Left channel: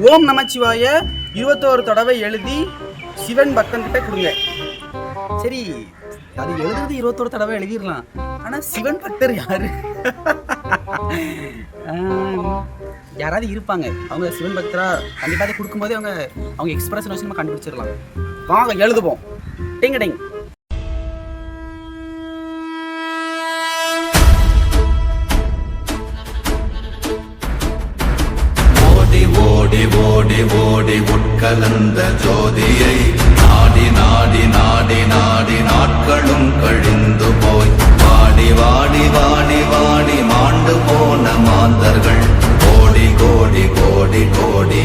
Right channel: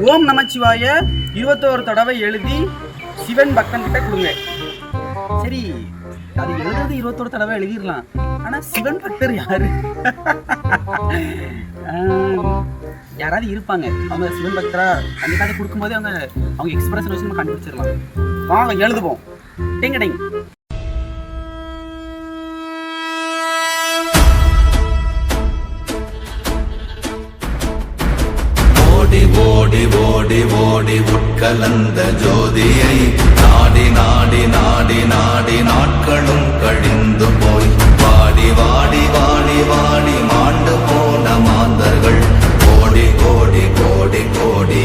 ஓம் நமச்சிவாய 21 தடவை எழுதி சிவன் பக்தன் கிட்ட கொடுங்க. சரி, அது எழுதுறது 21 தடவை எழுதிடலாம். ஆனா சிவன் பக்தர் யாரு? யாராவது இருப்பாங்க, அவங்க சிவன் பக்தரா அந்த கார்டு கொடுக்கும்போதே அவங்க எக்ஸ்பிரஷன் வச்சு நம்ம கண்டுபிடிச்சிடலாம். வாங்க எழுதுவோம். டிங் டிங். ஓடி ஓடி ஓடி உட்கலந்த ஜோதியை நாடி நாடி நாடி நாடி நாட்களும் கழிந்து போய் வாடி வாடி வாடி வாடி மாண்டு போன மாந்தர்கள் கோடி கோடி கோடி கோடி